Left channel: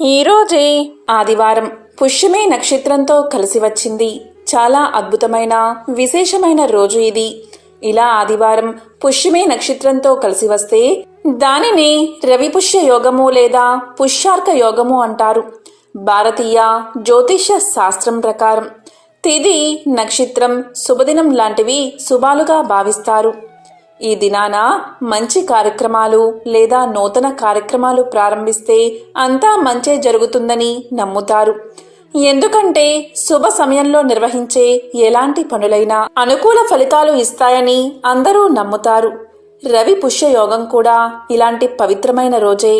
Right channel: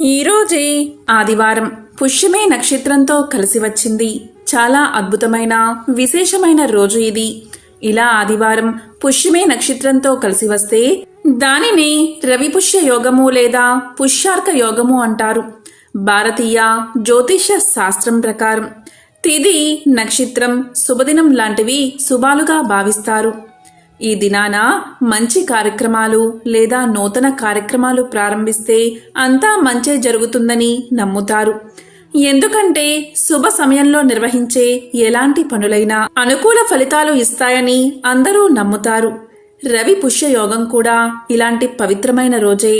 ఈరోజే ఆదివారం పుష్యమి నక్షత్రంతో కలిసి వచ్చింది. చాలా అద్భుతమైన విశేషమైన రోజు ఇది. ఇలా ఆదివారం పుష్యమి నక్షత్రంతో కలిసి వస్తే దానిని రవిపుష్య యోగము లేదా పుష్యార్క యోగము అంటారు. భారతీయ జ్యోతిష శాస్త్రం ప్రకారం తిథి, నక్షత్రం, శుభదినం లాంటివి శుభాలుగా భావిస్తారు. ఈ దినాన మంచి కార్యక్రమాలు లేదా నూతన కార్యక్రమాలు ప్రారంభిస్తే అంతా మంచే జరుగుతుందని నమ్ముతారు. ఎందుకంటే శుభ సమయంలో నిర్వహించే ఎలాంటి పనులైనా అనుకూల ఫలితాలు ఇస్తాయని అందరూ నమ్ముతారు. రవి పుష్య యోగం కూడా ఇలాంటి పవిత్రమైన రోజే.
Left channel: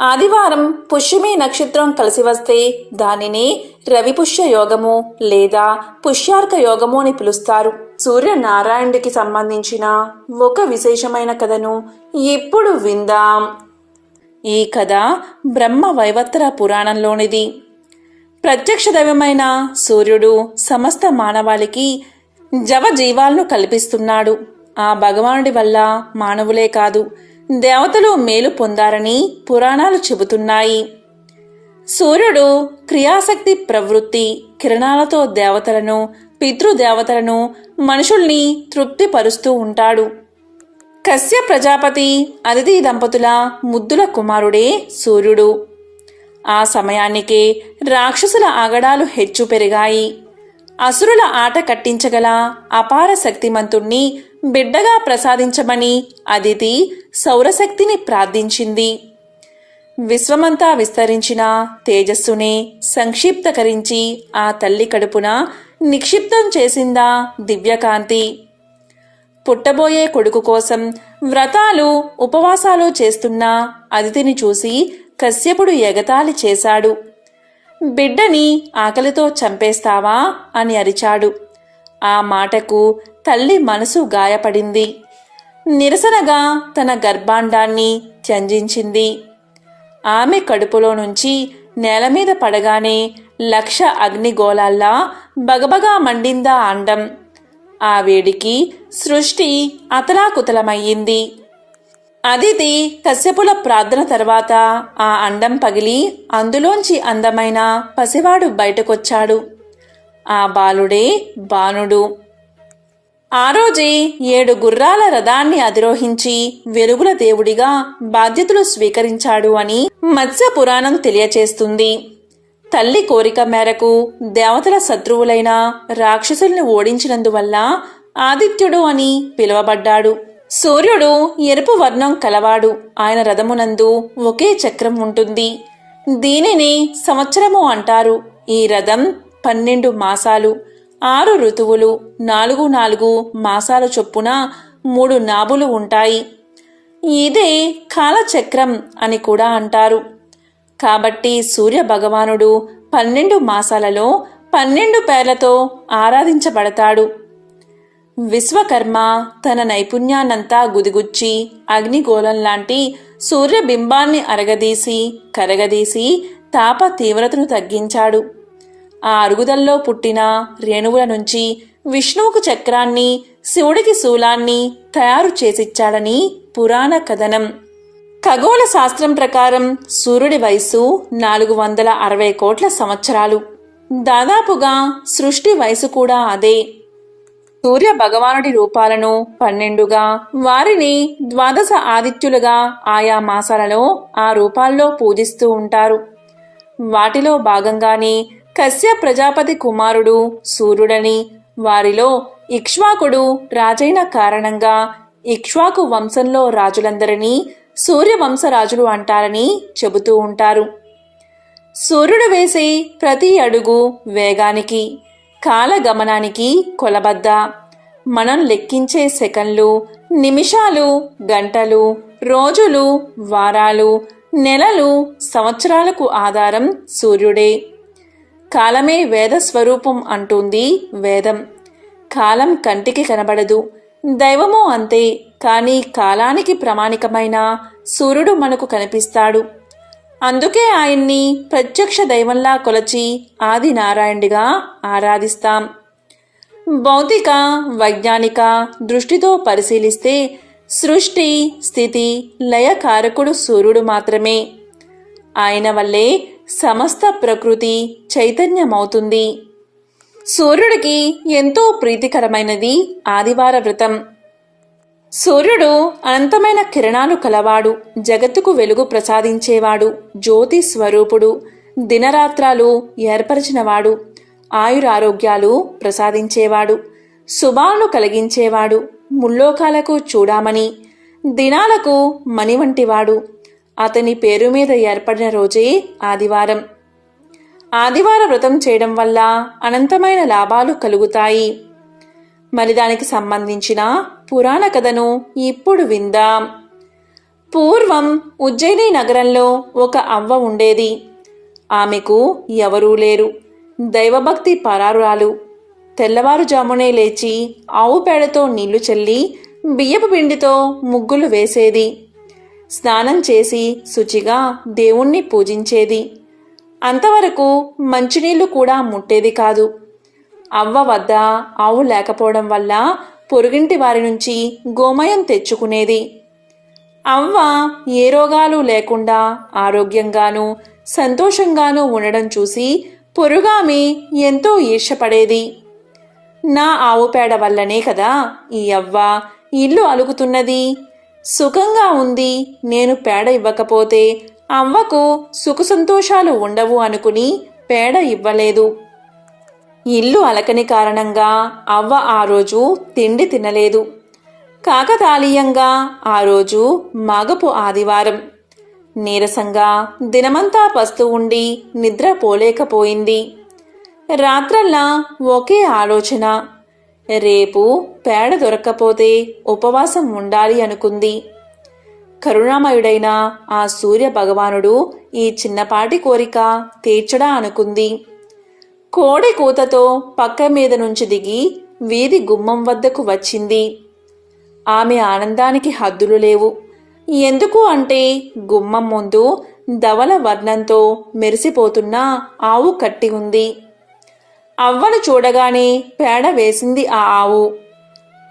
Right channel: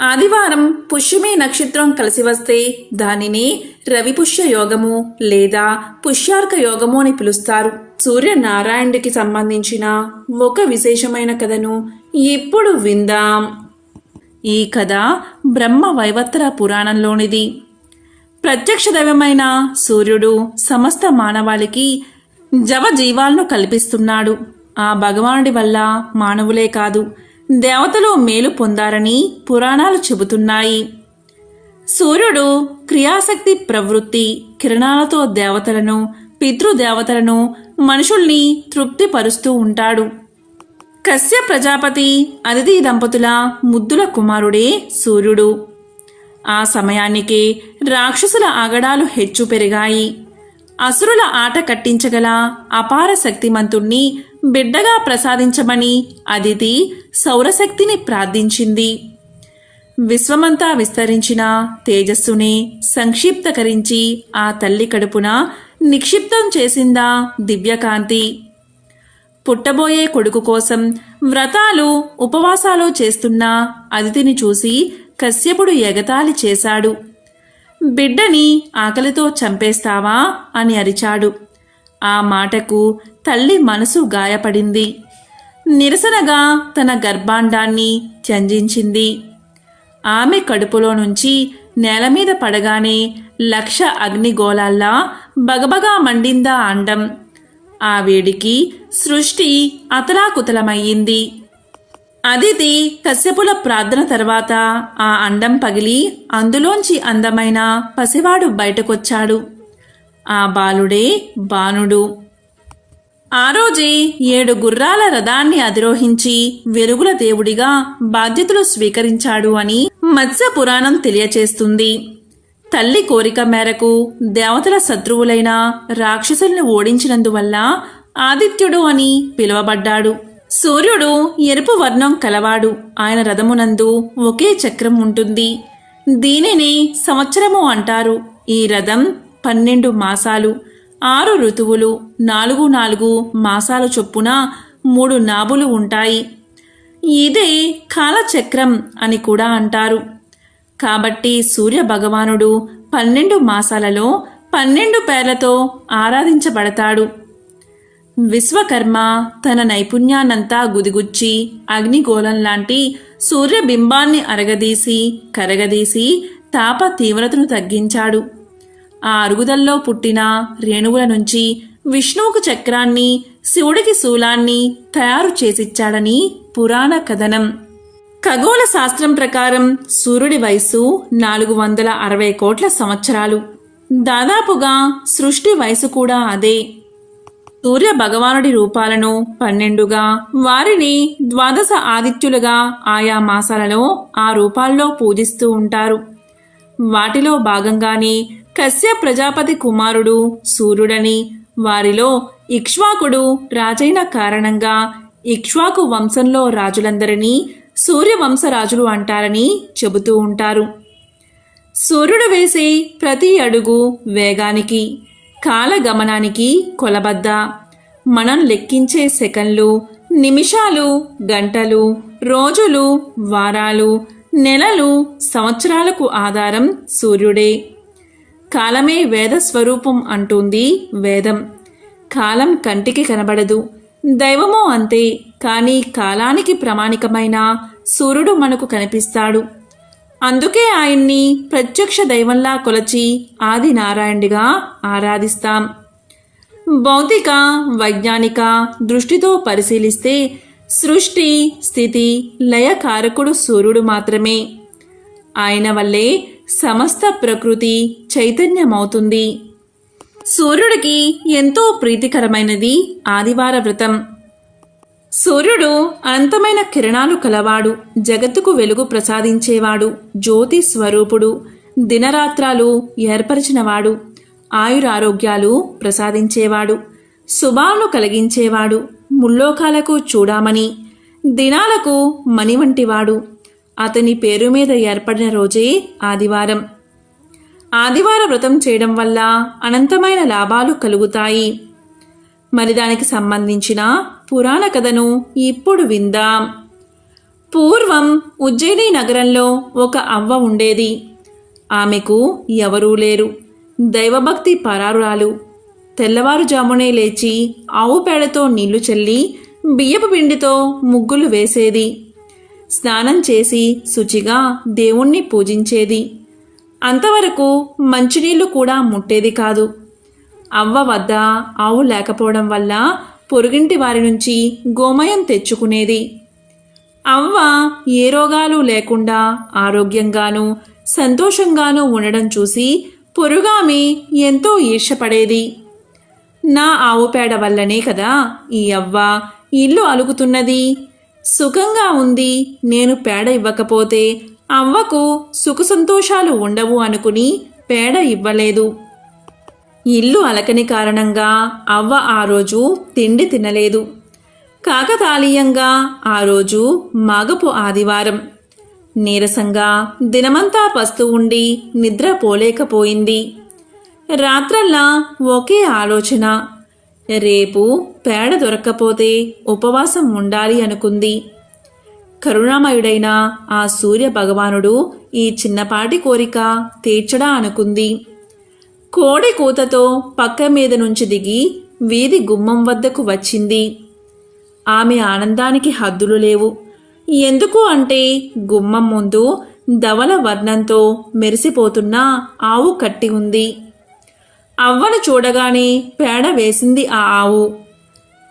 ఆదివారం పుష్యమి నక్షత్రం కలిసి వస్తే దానిని రవిపుష్య యోగము లేదా పుష్యార్క యోగము అని పిలుస్తారు. సూర్యనారాయణుడికి సంబంధించిన ఒక విశేషమైన కథను ఇప్పుడు విందాం. ఈ కథ బ్రహ్మ వైవత్ర పురాణంలోనిది. ప్రత్యక్ష దైవమైన సూర్యుడు సమస్త మానవాళికి జీవాలను కల్పిస్తున్నాడు. ఆ భగవానుడి వల్ల మానవులే కాదు, దేవతలు మేలు పొందారని పురాణాలు చెబుతున్నాయి. సూర్యుడు క్రియాశక్తి ప్రవృత్తి కిరణాలతో దేవతలను, పితృదేవతలను, మనుషుల్ని తృప్తిపరుస్తూ ఉంటాడు. కశ్య ప్రజాపతి అదితి దంపతుల ముద్దుల కుమారుడే సూర్యుడు. ఆ సమయానికే రాక్షసుల ఆగడాలు హెచ్చు పెరిగాయి. అసురుల ఆట కట్టించగల అపార శక్తిమంతుణ్ణి బిడ్డగా ప్రసాదించమని అదితి సౌరశక్తిని ప్రార్థించింది. విశ్వమంతా విస్తరించిన తేజస్సునే సంక్షిప్తకరించి ఆ తల్లి కడుపున నిక్షిప్తం చేసిందా దివ్యకాంతి. పుట్టబోయే కొడుకు కోసం వ్రతాలు, ఉపవాసాలు చేస్తున్న అదితిని చూసి కశ్యపుడు ఎగతాళి చేశాడు. బిడ్డని ఆకలితో చంపేస్తావా అని అరిచాడు. ఆ మాటకు తల్లి మనసు గాయపడింది. నిరసనగా తన గర్భాండాన్ని త్యంజించింది. ఆమె కడుపులో నుంచి నేలమీద పడగానే 1,00,000 అగ్నిగోళాల్లా బగబగా మండిందా అండం. ఆ వేడికి సృష్టి అతలాకుతలమయ్యింది. అదితి కశ్యపుల ప్రార్థన తర్వాత ఆ అండం పగిలి అందులోంచి అందమైన పసివాడు బయటకొచ్చాడు. ఆ బాలుడే బాణుడు. ఆ రోజే 7 గుర్రాల రథాన్ని అధిరోహించి వెలుగుల దేవుడిగా బాధ్యతలు స్వీకరించాడు అని మత్స్య పురాణం తెలియచేస్తుంది. తల్లి కోరిక మేరకు దేవతల శత్రువులైన రాక్షసుల్ని ఓడించినందువల్ల ఆదిత్యుడు అని పిలువబడ్డాడు. సూర్యుడు ఎరుపు వర్ణం కలవాడు. ఆయన రథమునందు ఒకే చక్రం ఉంటుంది. దీనిని సంవత్సరము అంటారు. ఈ రథం 12 మాసాలు, 6 ఋతువులు, 4 మాసాల చొప్పున 3 నాభులు ఉంటాయి. ఇదే కాలచక్రం అని కూడా అంటారు. కాబట్టి సూర్య భగవానుడు 12 మాసాలలో 12 పేర్లతో ఆరాధించబడతాడు. విశ్వకర్మ తన నైపుణ్యాన్నంతా గుదిగుచ్చి అగ్నిగోళం లాంటి సూర్యబింబాన్ని అరగదీసి కరగదీసి తాప తీవ్రతను తగ్గించాడు. ఆ అరుగుదల్లో పుట్టిన రేణువుల నుంచి విష్ణువుకు చక్రాన్ని, శివుడికి శూలాన్ని తయారు చేసిచ్చాడని పురాణ కథనం. ఖగోళ శాస్త్రం ప్రకారం సూర్యుడి వయస్సు 460 కోట్ల సంవత్సరాలు. దాదాపుగా సృష్టి వయసు కూడా అదే. సూర్య భగవానుడి రూపాలను 12గా, వారిని 12 ఆదిత్యులుగా ఆయా మాసాలలో ఆ రూపాల్లో పూజిస్తూ ఉంటారు. వాటిలో భాగంగానే కశ్య ప్రజాపతి కుమారుడు సూర్యుడని, వారిలో ఇక్ష్వాకుడు రాజైన కారణంగా ఇక్ష్వాకు వంశంలో రాజులందరినీ సూర్యవంశరాజులు అంటారని చెబుతూ ఉంటారు. సూర్యుడు వేసే ప్రతి అడుగు వేగానికి, కాలగమనానికి కొలబద్ద. మనం లెక్కించే సెకన్లు, నిమిషాలు, గంటలు, రోజులు, వారాలు, నెలలు, సంవత్సరాలకు ఆధారం సూర్యుడే. కాలమే వేద స్వరూపం అంటుంది వేదం. కాలం కంటికి కనబడదు, దైవమూ అంతే. కానీ కాలానికి ప్రామాణికమైన సూర్యుడు మనకు కనిపిస్తాడు. అందుకే ఆయన్ని ప్రత్యక్ష దైవంలా కొలచి ఆది నారాయణుడిగా ఆరాధిస్తాం. భౌతిక, వైజ్ఞానిక దృష్టితో పరిశీలిస్తే సృష్టి, స్థితి, లయకారకుడు సూర్యుడు మాత్రమే. ఆయన వల్లే సమస్త ప్రకృతి చైతన్యమవుతుంది. సూర్యుడికి ఎంతో ప్రీతికరమైనది ఆదివార వ్రతం. సూర్యుడు అనంతమైన కిరణాలు కలవాడు, జగత్తుకు వెలుగు ప్రసాదించేవాడు, జ్యోతి స్వరూపుడు, దినరాత్రాలు ఏర్పరిచినవాడు, ఆయురారోగ్యాలు ప్రసాదించేవాడు, శుభాలను కలిగించేవాడు, ముల్లోకాలకు చూడామణి, దినాలకు మణి వంటివాడు. అతని పేరు మీద ఏర్పడిన రోజే ఆదివారం. ఆదివార వ్రతం చేయడం వల్ల అనంతమైన లాభాలు కలుగుతాయి. మరి దానికి సంబంధించిన పురాణ కథను ఇప్పుడు విందాం. పూర్వం ఉజ్జయిని నగరంలో ఒక అవ్వ ఉండేది. ఆమెకు ఎవరూ లేరు. దైవభక్తి పరారురాలు. తెల్లవారుజామునే లేచి ఆవు పేడతో నీళ్లు చల్లి బియ్యపు పిండితో ముగ్గులు వేసేది. స్నానం చేసి శుచిగా దేవుణ్ణి పూజించేది. అంతవరకు మంచినీళ్లు కూడా ముట్టేది కాదు. అవ్వ వద్ద ఆవు లేకపోవడం వల్ల పొరుగింటి వారి నుంచి గోమయం తెచ్చుకునేది. అవ్వ ఏ రోగాలు లేకుండా ఆరోగ్యంగానూ సంతోషంగానూ ఉండడం చూసి పొరుగామె ఎంతో ఈర్ష్యపడేది. నా ఆవు పేడ వల్లనే కదా ఈ అవ్వ ఇల్లు అలుగుతున్నది, సుఖంగా ఉంది. నేను పేడ ఇవ్వకపోతే అవ్వకు సుఖ సంతోషాలు ఉండవు అనుకుని పేడ ఇవ్వలేదు. ఇల్లు అలకని కారణంగా అవ్వ ఆ రోజు తిండి తినలేదు. కాకతాళీయంగా ఆ రోజు మాగపు ఆదివారం. నీరసంగా దినమంతా పస్తు ఉండి నిద్ర పోలేకపోయింది. రాత్రల్లా ఒకే ఆలోచన, రేపు పేడ దొరక్కపోతే ఉపవాసం ఉండాలి అనుకుంది. కరుణామయుడైన ఆ సూర్య భగవానుడు ఈ చిన్నపాటి కోరిక తీర్చడా అనుకుంది. కోడి కూతతో పక్క మీద నుంచి దిగి వీధి గుమ్మం వద్దకు వచ్చింది. ఆమె ఆనందానికి హద్దులు లేవు. ఎందుకు అంటే గుమ్మం ముందు ధవల వర్ణంతో మెరిసిపోతున్న ఆవు కట్టి ఉంది. అవ్వను చూడగానే పేడ వేసింది ఆ ఆవు.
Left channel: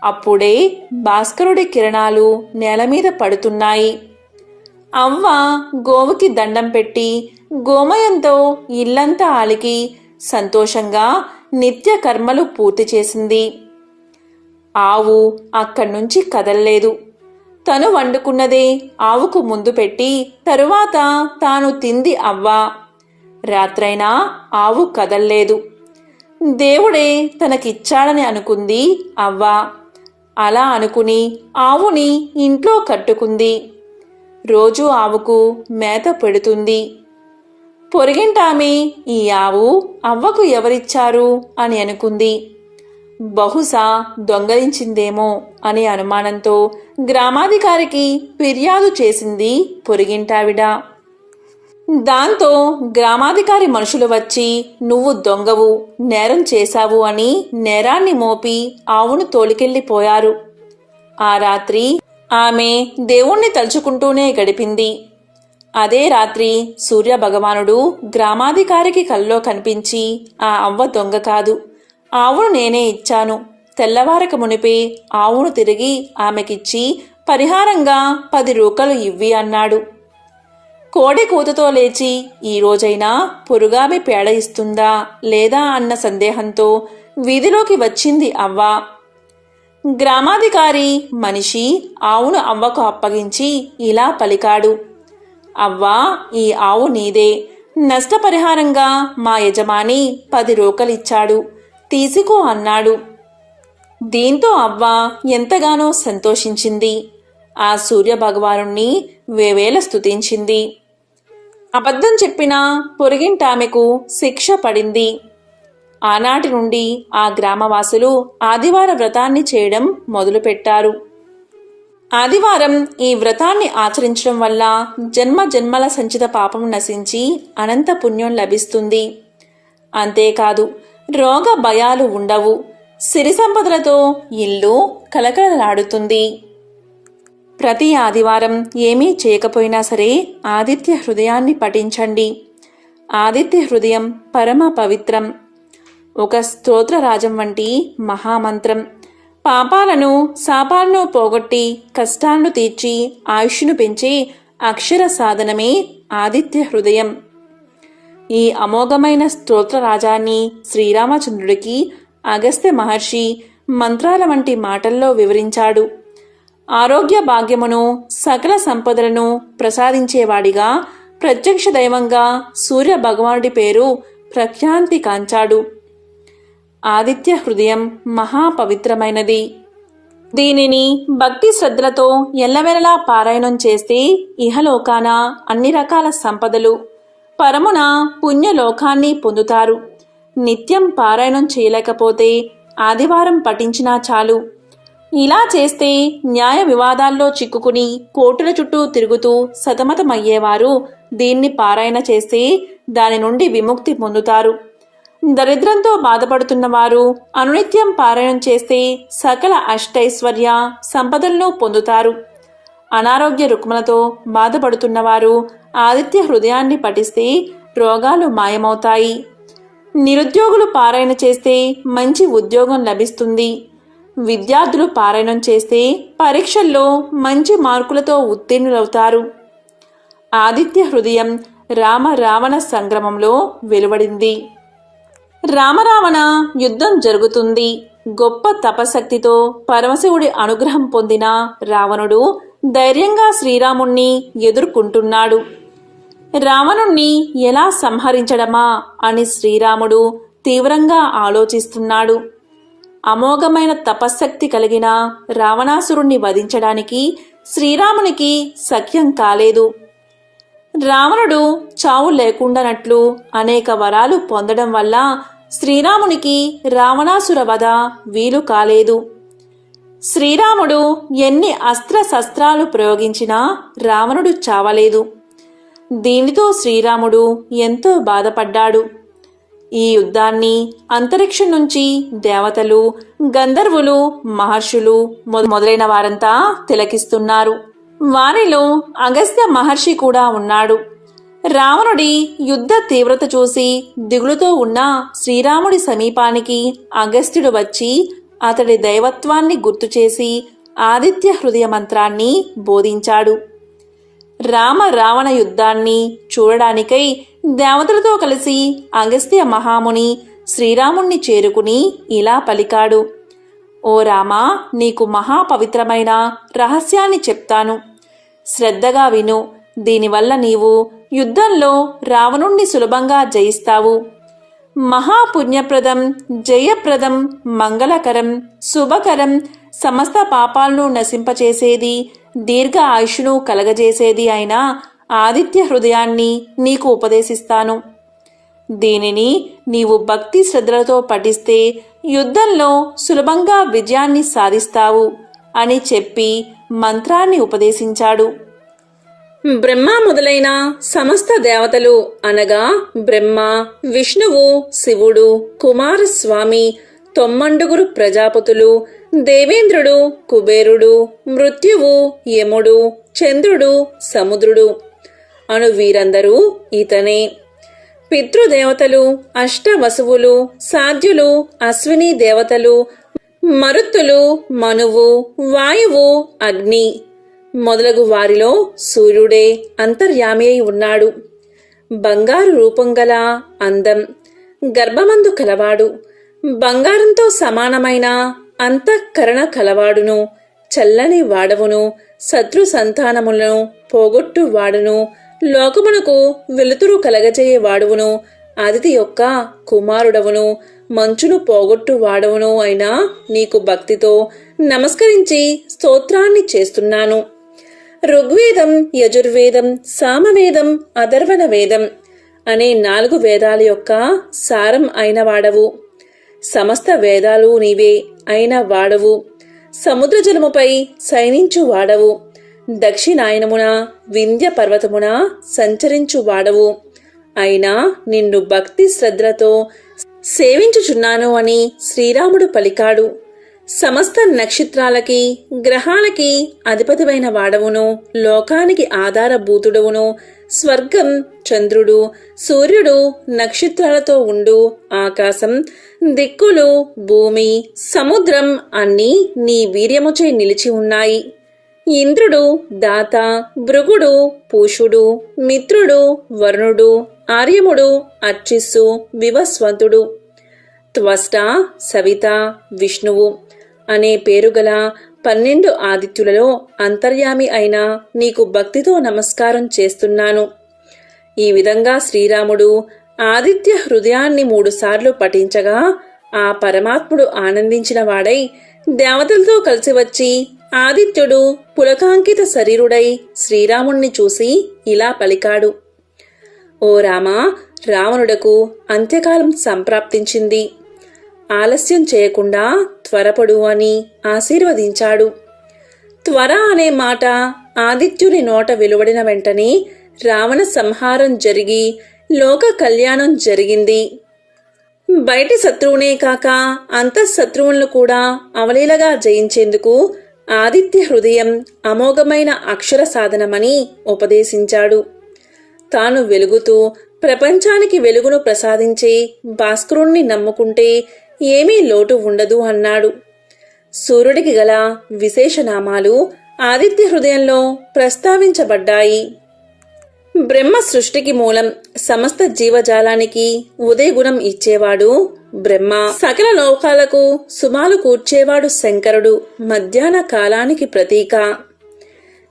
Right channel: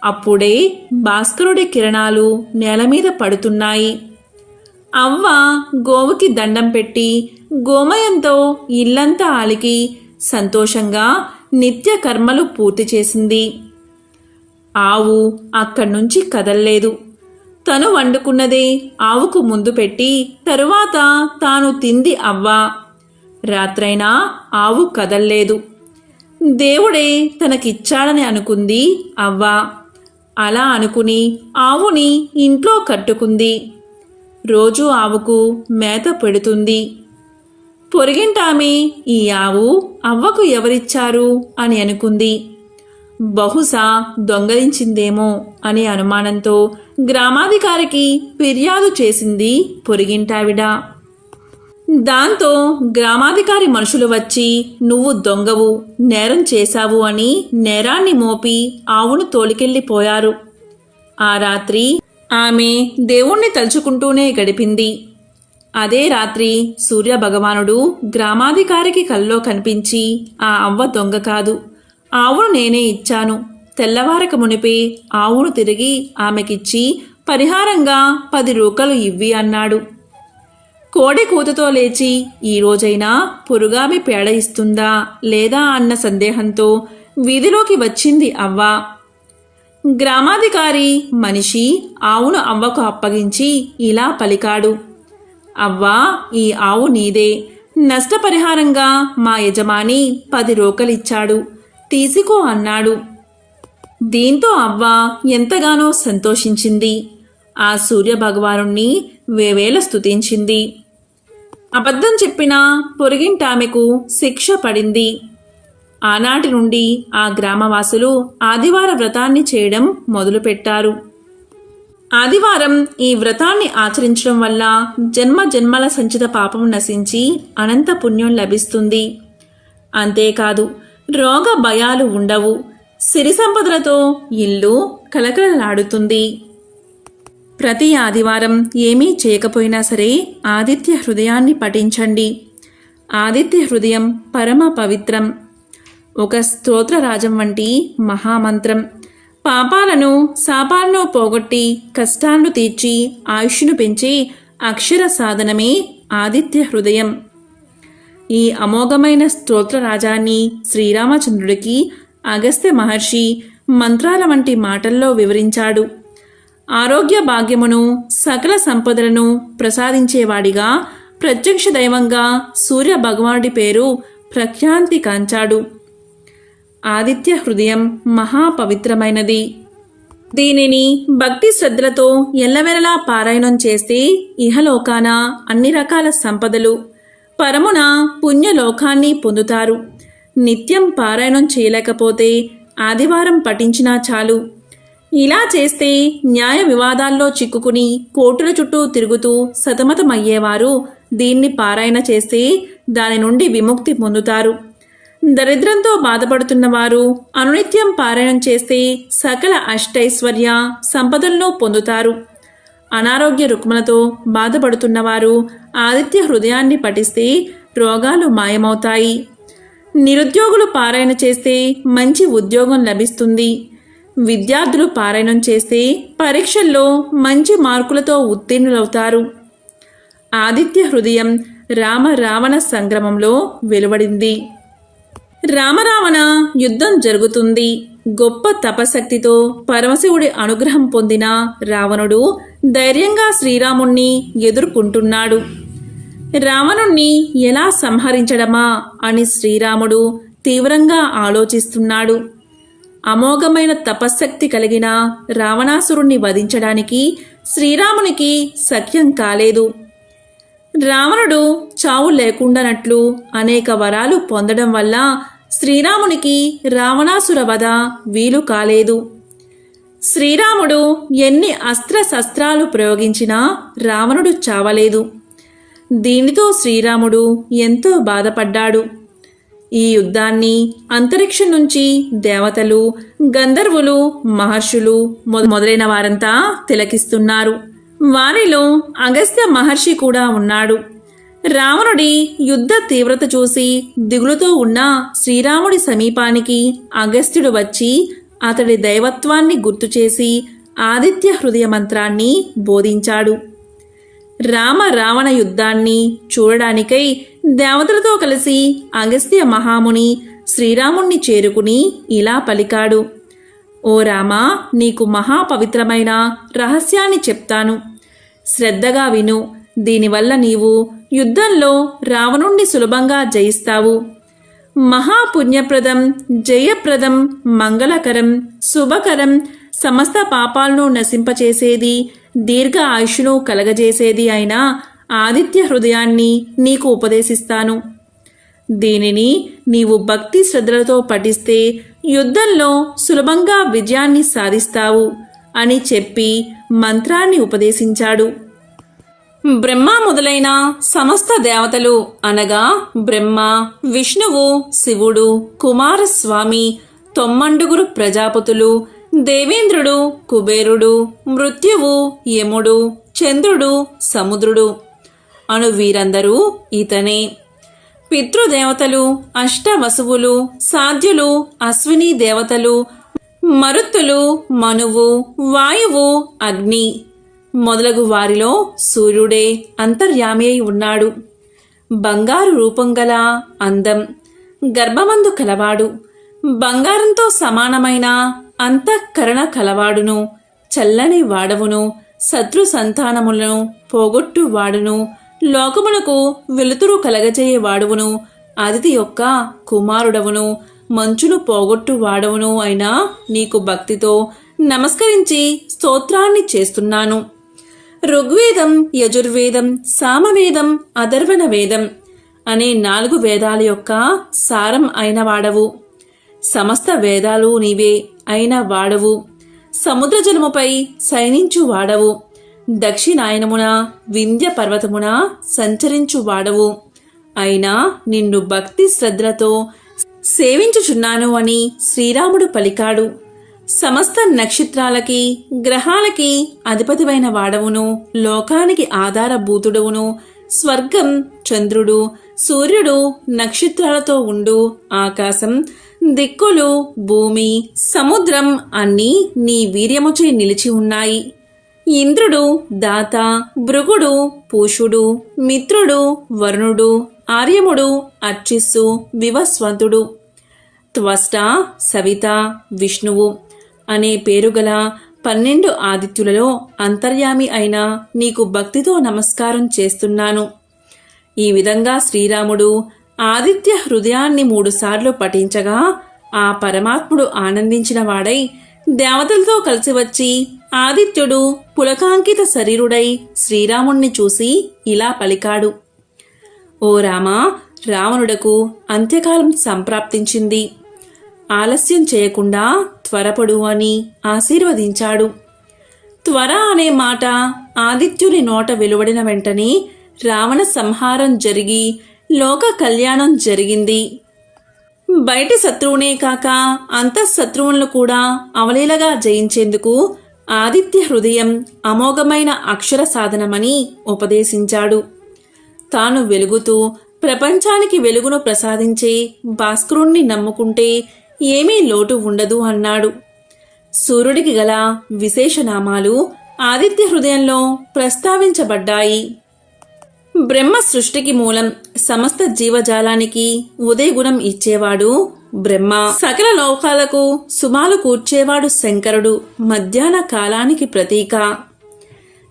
అప్పుడే భాస్కరుడి కిరణాలు నేలమీద పడుతున్నాయి. అవ్వ గోవుకి దండం పెట్టి గోమయంతో ఇల్లంతా అలికి సంతోషంగా నిత్య కర్మలు పూర్తి చేసింది. ఆవు అక్కడ్నుంచి కదల్లేదు. తను వండుకున్నదే ఆవుకు ముందు పెట్టి తరువాత తాను తింది అవ్వ. రాత్రైనా ఆవు కదల్లేదు. దేవుడే తనకిచ్చాడని అనుకుంది అవ్వ. అలా అనుకుని ఆవుని ఇంట్లో కట్టుకుంది. రోజూ ఆవుకు మేత పెడుతుంది. పొరిగింటామె ఈ ఆవు అవ్వకు ఎవరిచ్చారు అని అనుకుంది. బహుశా దొంగలించిందేమో అనే అనుమానంతో గ్రామాధికారికి ఫిర్యాదు చేసింది పొరిగింటావిడ. దాంతో గ్రామాధికారి మనుషులు వచ్చి నువ్వు దొంగవు, నేరం చేశావు అని నేరాన్ని మోపి ఆవును తోలికెళ్ళిపోయారు. ఆ రాత్రి ఆమె దేవుణ్ణి తలుచుకుంటూనే గడిపింది. అదే రాత్రి సూర్య భగవానుడు గ్రామాధికారికి కల్లో కనిపించి ఆ అవ్వ దొంగ కాదు, ఆవును నేనే ఇచ్చాను, తెల్లవారక మునిపే ఆవును తిరిగి ఆమెకిచ్చి పరిహారంగా 10 రూకలు ఇవ్వి అన్నాడు. కోడి కూతతో లేచి ఈ రోజైనా పొరుగామె పేడ ఇస్తుందా లేదా అన్న సందేహంతో వీధిలోకి వచ్చింది అవ్వ. గ్రామాధికారి మనిషి ఆవును అవ్వకు అప్పగించి ఇలా పలికాడు, అవ్వా, ఈ ఆవు నీదే. నష్టపరిహారంగా మా యజమాని 10 రూకలిచ్చాడు, తీసుకో అన్నాడు. దీంతో అవ్వ ఎంతగానో సంతోషించింది. ఆ సూర్య భగవానుణ్ణి వేవేల స్తుతించింది. అబద్ధం చెప్పిన పొరుగింటామెకు శిక్ష పడింది. ఆనాటి నుండి ఆ గ్రామవాసులు ఆదివార వ్రతాన్ని చేయడం మొదలుపెట్టారు. ఆదివారం ఈ వ్రతాన్ని ఆచరించడం వల్ల జన్మ జన్మల సంచిత పాపం నశించి అనంత పుణ్యం లభిస్తుంది. అంతేకాదు, రోగ భయాలు ఉండవు. సిరి సంపదలతో ఇల్లు కలకలలాడుతుంది. ప్రతి ఆదివారం ఏమీ చేయకపోయినా సరే ఆదిత్య హృదయాన్ని పఠించండి. ఆదిత్య హృదయం పరమ పవిత్రం. ఒక స్తోత్రరాజం వంటి మహామంత్రం. పాపాలను శాపాలను పోగొట్టి కష్టాలను తీర్చి ఆయుష్ను పెంచి అక్షర సాధనమే ఆదిత్య హృదయం. ఈ అమోఘమైన స్తోత్రరాజాన్ని శ్రీరామచంద్రుడికి అగస్త్య మహర్షి మంత్రాల వంటి మాటల్లో వివరించాడు. ఆరోగ్య భాగ్యమును సకల సంపదలను ప్రసాదించేవాడిగా ప్రత్యక్ష దైవంగా సూర్య భగవానుడి పేరు ప్రఖ్యాతి కాంచాడు. ఆదిత్య హృదయం మహాపవిత్రమైనది. దీనిని భక్తి శ్రద్ధలతో ఎల్లవెలలా పారాయణం చేస్తే ఇహలోకాన అన్ని రకాల సంపదలు, పరమున పుణ్యలోకాన్ని పొందుతారు. నిత్యం పారాయణం చేయలేకపోతే ఆదివారం పఠించినా చాలు. ఇలా చేస్తే న్యాయ వివాదాల్లో చిక్కుకుని కోర్టుల చుట్టూ తిరుగుతూ సతమతమయ్యేవారు దీన్ని పారాయణ చేస్తే దాని నుండి విముక్తి పొందుతారు. దరిద్రంతో బాధపడుతున్నవారు అనునిత్యం పారాయణం చేస్తే సకల అష్టైశ్వర్య సంపదలను పొందుతారు. అనారోగ్య రుగ్మలతో బాధపడుతున్నవారు ఆదిత్య హృదయాన్ని పఠిస్తే రోగాలు మాయమవుతాయి. నిరుద్యోగులు పారాయణ చేస్తే మంచి ఉద్యోగం లభిస్తుంది. విద్యార్థులు పారాయణం చేస్తే పరీక్షల్లో మంచి మార్కులతో ఉత్తీర్ణులవుతారు. ఆదిత్య హృదయం రామ రావణ సంగ్రామంలో వెలువడింది. రామరావణ యుద్ధం జరుగుతుంది. గొప్ప తపశక్తితో పరమశివుడి అనుగ్రహం పొందిన రావణుడు ధైర్యంగా శ్రీరాముణ్ణి ఎదుర్కొంటున్నాడు. రావణుణ్ణి ఎలా సంహరించడమా అని శ్రీరాముడు తీవ్రంగా ఆలోచిస్తున్నాడు. అమోఘమైన తపశ్శక్తి కలిగిన రావణాసురుణ్ణి వధించడానికి శ్రీరామునికి సఖ్యం కాలేదు. రావణుడు చావు లేకుండానట్లు అనేక వరాలు పొందడం వల్ల శ్రీరామునికి రావణాసుర వధ వీలు కాలేదు. శ్రీరాముడు ఎన్ని అస్త్రశస్త్రాలు ప్రయోగించినా రావణుడు చావలేదు. దీనితో శ్రీరాముడు ఎంతో బాధపడ్డాడు. ఈ యుద్ధాన్ని అంతరిక్షం నుంచి దేవతలు, గంధర్వులు, మహర్షులు మొదలైన వారంతా తిలకిస్తున్నారు. వారిలో అగస్త్య మహర్షి కూడా ఉన్నాడు. రావణుడి యుద్ధ తీవ్రత చూసి దిగులుతో ఉన్న శ్రీరాముడి సమీపానికి అగస్త్యుడు వచ్చి అతడి దైవత్వాన్ని గుర్తుచేసి ఆదిత్య హృదయ మంత్రాన్ని బోధించాడు. రామ రావణ యుద్ధాన్ని చూడడానికై దేవతలతో కలిసి అగస్త్య మహాముని శ్రీరాముణ్ణి చేరుకుని ఇలా పలికాడు. ఓ రామా, నీకు మహాపవిత్రమైన రహస్యాన్ని చెప్తాను. శ్రద్ధగా విను. దీనివల్ల నీవు యుద్ధంలో రావణుణ్ణి సులభంగా జయిస్తావు. మహాపుణ్యప్రదం, జయప్రదం, మంగళకరం, శుభకరం, సమస్త పాపాలను నశింపచేసేది, దీర్ఘ ఆయుష్ను కలగజేసేది అయిన ఆదిత్య హృదయాన్ని నీకు ఉపదేశిస్తాను. దీనిని నీవు భక్తి శ్రద్ధలతో పఠిస్తే యుద్ధంలో సులభంగా విజయాన్ని సాధిస్తావు అని చెప్పి మంత్రాన్ని ఉపదేశించాడు. బ్రహ్మ మొదలైన సమస్త దేవతలు అనగా బ్రహ్మ, విష్ణువు, శివుడు, కుమారస్వామి, 9 ప్రజాపతులు, దేవేంద్రుడు, కుబేరుడు, మృత్యువు, యముడు, చంద్రుడు, సముద్రుడు అను వీరందరూ ఇతనే. పితృదేవతలు, అష్టవసువులు, సాధ్యులు, అశ్విని దేవతలు, మరుత్తులు, మనువు, వాయువు, అగ్ని మొదలగు వారిలో సూర్యుడే అంతర్యామి అయి ఉన్నాడు. బంగారు రూపం గల అందం, గర్భమందు కలవాడు, బంగారంతో సమానమైన అంతఃకరణ కలవాడును, చల్లని వాడవును, శత్రు సంతానములను పోగొట్టు వాడును, లోకమునకు వెలుతురు కలగజేయవాడువును, అదితి యొక్క కుమారుడవును, మంచును పోగొట్టు వాడవును అయినా నీకు భక్తితో నమస్కరించి స్తోత్రాన్ని చేస్తున్నాను. ఋగ్వేదం, యజుర్వేదం, సామవేదం, అథర్వణ వేదం అనే 4 వేదాల యొక్క సారం అయిన వాడవు. సమస్త వేదాలు నీవే అయిన వాడవు. సముద్ర జలముపై శయనించు వాడవు. దక్షిణాయనమున వింధ్య పర్వతమున సంచరించు వాడవు. అయినా నిన్ను భక్తి శ్రద్ధలతో సేవించుచున్నాను అని శ్రీరాముడు పలికాడు. సమస్త నక్షత్రాలకి, గ్రహాలకి అధిపతివైన వాడవును, లోకానికి ఆధారభూతుడవును, స్వర్గం, చంద్రుడు, సూర్యుడు, నక్షత్రాలతో ఉండు ఆకాశం, దిక్కులు, భూమి, సముద్రం అన్నీ నీ వీర్యముచే నిలిచి ఉన్నాయి. ఇంద్రుడు, దాత, భృగుడు, పూషుడు, మిత్రుడు, వరుణుడు, ఆర్యముడు, అర్చిస్సు, వివస్వంతుడు, త్వష్ట, సవిత, విష్ణువు అనే పేరుగల 12 ఆదిత్యులలో అంతర్యామి అయిన నీకు భక్తితో నమస్కారం చేస్తున్నాను. ఈ విధంగా శ్రీరాముడు ఆదిత్య హృదయాన్ని 3 సార్లు పఠించగా ఆ పరమాత్ముడు ఆనందించిన వాడై దేవతలతో కలిసి వచ్చి ఆదిత్యుడు పులకాంకిత శరీరుడై శ్రీరాముణ్ణి చూసి ఇలా పలికాడు: ఓ రామా, రావణుడకు అంత్యకాలం సంప్రాప్తించింది. ఆలస్యం చేయకుండా త్వరపడు అని ఆశీర్వదించాడు. త్వర అనే మాట ఆదిత్యుని నోట వెలువడిన వెంటనే రావణ సంహారం జరిగి లోక కళ్యాణం జరిగింది. బయటి శత్రువునే కాక అంతఃశత్రువులను కూడా అవలీలగా జయించేందుకు ఆదిత్య హృదయం అమోఘమైన అక్షర సాధనమని ఉపదేశించాడు. తాను వెలుగుతూ ప్రపంచానికి వెలుగును ప్రసాదించే భాస్కరుణ్ణి నమ్ముకుంటే ఏమీ లోటు ఉండదు అన్నాడు. సూర్యుడికి గల విశేషనామాలు ఆదిత్య హృదయంలో ప్రస్తావించబడ్డాయి. బ్రహ్మ సృష్టికి మూలం, సమస్త జీవజాలానికి ఉదయగుణం ఇచ్చేవాడు బ్రహ్మ. సకల లోకాలకు సుమాలు కూర్చేవాడు శంకరుడు. మధ్యాహ్న కాలానికి ప్రతీక.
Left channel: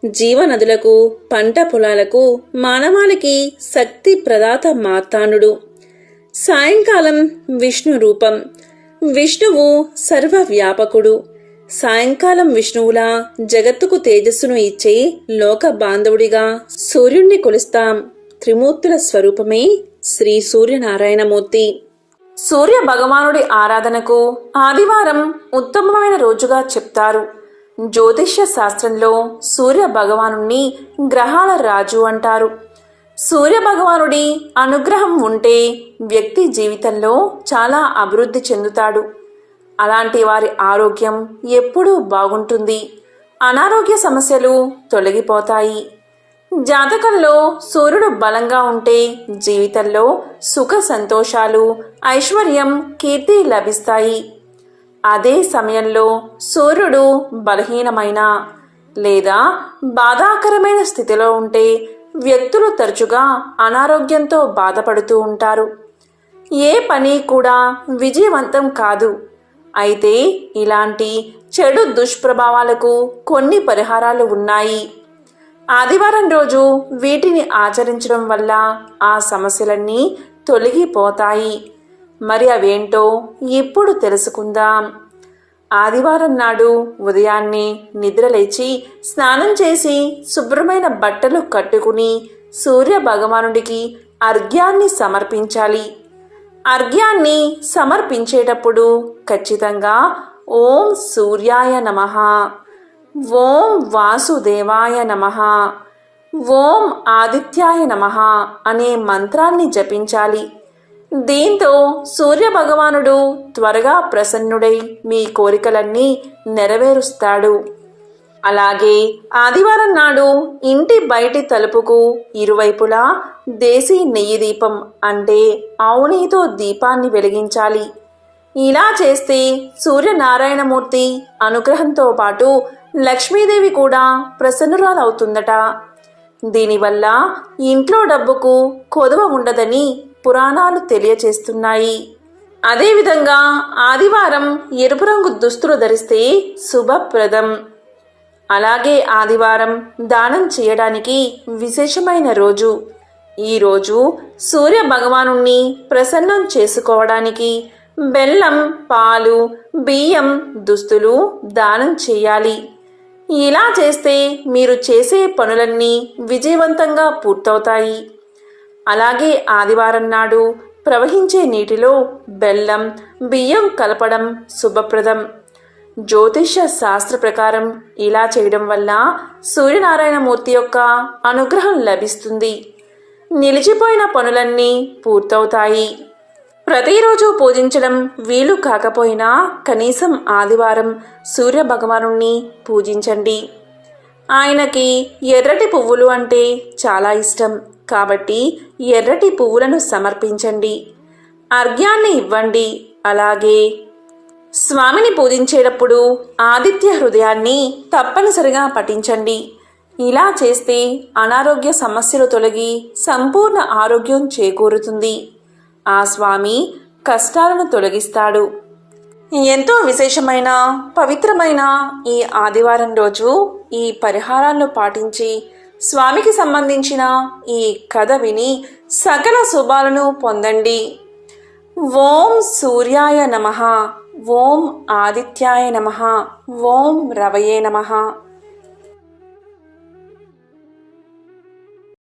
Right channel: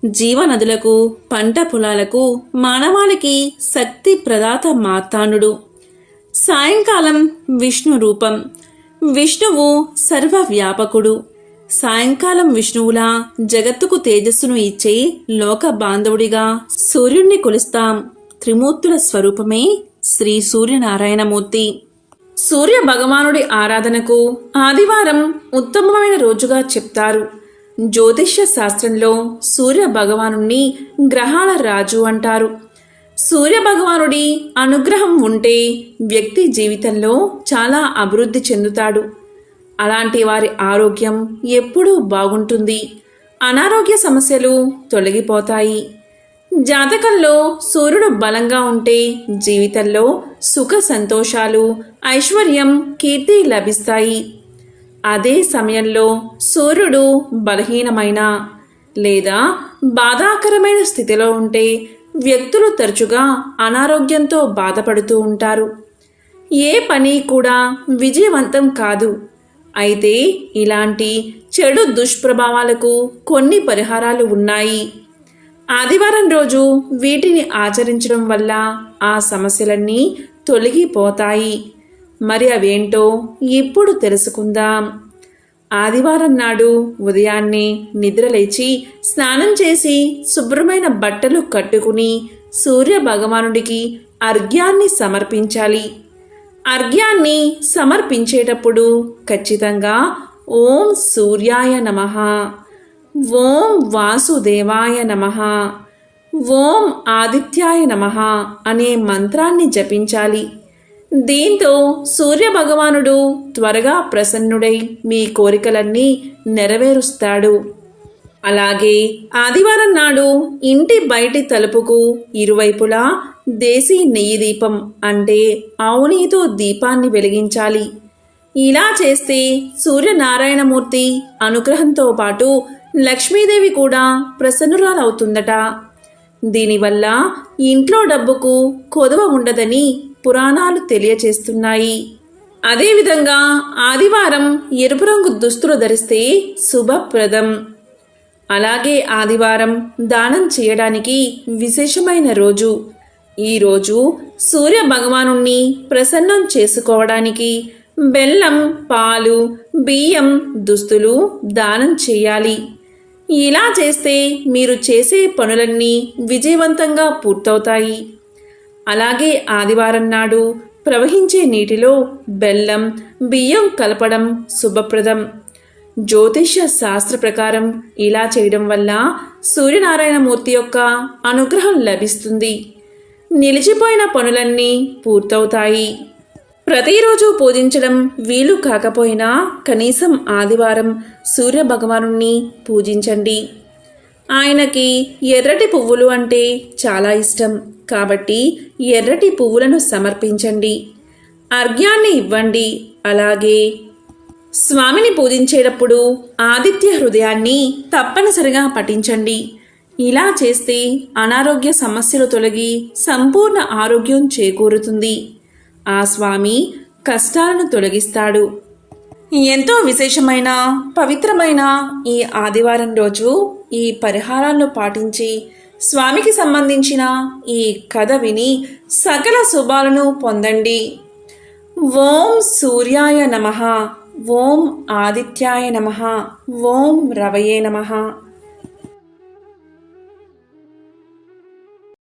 జీవనదులకు, పంట పొలాలకు, మానవాళికి శక్తి ప్రదాత మార్తాండుడు. సాయంకాలం విష్ణు రూపం. విష్ణువు సర్వవ్యాపకుడు. సాయంకాలం విష్ణువులా జగత్తుకు తేజస్సును ఇచ్చే లోక బాంధవుడిగా సూర్యుణ్ణి కొలుస్తాం. త్రిమూర్తుల స్వరూపమే శ్రీ సూర్యనారాయణమూర్తి. సూర్య భగవానుడి ఆరాధనకు ఆదివారం ఉత్తమమైన రోజుగా చెప్తారు. జ్యోతిష్య శాస్త్రంలో సూర్య భగవానుణ్ణి గ్రహాల రాజు అంటారు. సూర్య భగవానుడి అనుగ్రహం ఉంటే వ్యక్తి జీవితంలో చాలా అభివృద్ధి చెందుతాడు. అలాంటి వారి ఆరోగ్యం ఎప్పుడూ బాగుంటుంది. అనారోగ్య సమస్యలు తొలగిపోతాయి. జాతకంలో సూర్యుడు బలంగా ఉంటే జీవితంలో సుఖ సంతోషాలు, ఐశ్వర్యం, కీర్తి లభిస్తాయి. అదే సమయంలో సూర్యుడు బలహీనమైన లేదా బాధాకరమైన స్థితిలో ఉంటే వ్యక్తులు తరచుగా అనారోగ్యంతో బాధపడుతూ ఉంటారు. ఏ పని కూడా విజయవంతం కాదు. అయితే ఇలాంటి చెడు దుష్ప్రభావాలకు కొన్ని పరిహారాలు ఉన్నాయి. ఆదివారం రోజు వీటిని ఆచరించడం వల్ల ఆ సమస్యలన్నీ తొలగిపోతాయి. మరి అవేంటో ఇప్పుడు తెలుసుకుందాం. ఆదివారం నాడు ఉదయాన్నే నిద్రలేచి స్నానం చేసి శుభ్రమైన బట్టలు కట్టుకుని సూర్య భగవానుడికి అర్ఘ్యాన్ని సమర్పించాలి. అర్ఘ్యాన్ని సమర్పించేటప్పుడు ఖచ్చితంగా ఓం సూర్యాయ నమః, ఓం వాసుదేవాయ నమః, ఓం ఆదిత్యాయ నమః అనే మంత్రాన్ని జపించాలి. దీంతో సూర్య భగవానుడు త్వరగా ప్రసన్నుడై మీ కోరికలన్నీ నెరవేరుస్తాడు. అలాగే ఆదివారం నాడు ఇంటి బయటి తలుపుకు ఇరువైపులా దేశీ నెయ్యి దీపం అంటే ఆవు నెయ్యితో దీపాన్ని వెలిగించాలి. ఇలా చేస్తే సూర్యనారాయణమూర్తి అనుగ్రహంతో పాటు లక్ష్మీదేవి కూడా ప్రసన్నురాలవుతుందట. దీనివల్ల ఇంట్లో డబ్బుకు కొదువ ఉండదని పురాణాలు తెలియచేస్తున్నాయి. అదేవిధంగా ఆదివారం ఎరుపు రంగు దుస్తులు ధరిస్తే శుభప్రదం. అలాగే ఆదివారం దానం చేయడానికి విశేషమైన రోజు. ఈరోజు సూర్య భగవానుణ్ణి ప్రసన్నం చేసుకోవడానికి బెల్లం, పాలు, బియ్యం, దుస్తులు దానం చేయాలి. ఇలా చేస్తే మీరు చేసే పనులన్నీ విజయవంతంగా పూర్తవుతాయి. అలాగే ఆదివారం నాడు ప్రవహించే నీటిలో బెల్లం, బియ్యం కలపడం శుభప్రదం. జ్యోతిష్య శాస్త్ర ప్రకారం ఇలా చేయడం వల్ల సూర్యనారాయణమూర్తి యొక్క అనుగ్రహం లభిస్తుంది. నిలిచిపోయిన పనులన్నీ పూర్తవుతాయి. ప్రతిరోజు పూజించడం వీలు కాకపోయినా కనీసం ఆదివారం సూర్య భగవానుణ్ణి పూజించండి. ఆయనకి ఎర్రటి పువ్వులు అంటే చాలా ఇష్టం కాబట్టి ఎర్రటి పువ్వులను సమర్పించండి. అర్ఘ్యాన్ని ఇవ్వండి. అలాగే స్వామిని పూజించేటప్పుడు ఆదిత్య హృదయాన్ని తప్పనిసరిగా పఠించండి. ఇలా చేస్తే అనారోగ్య సమస్యలు తొలగి సంపూర్ణ ఆరోగ్యం చేకూరుతుంది. ఆ స్వామి కష్టాలను తొలగిస్తాడు. ఎంతో విశేషమైన పవిత్రమైన ఈ ఆదివారం రోజు ఈ పరిహారాలను పాటించి స్వామికి సంబంధించిన ఈ కథ విని సకల శుభాలను పొందండి. ఓం సూర్యాయ నమః, ఓం ఆదిత్యాయ నమః, ఓం రవయే నమః.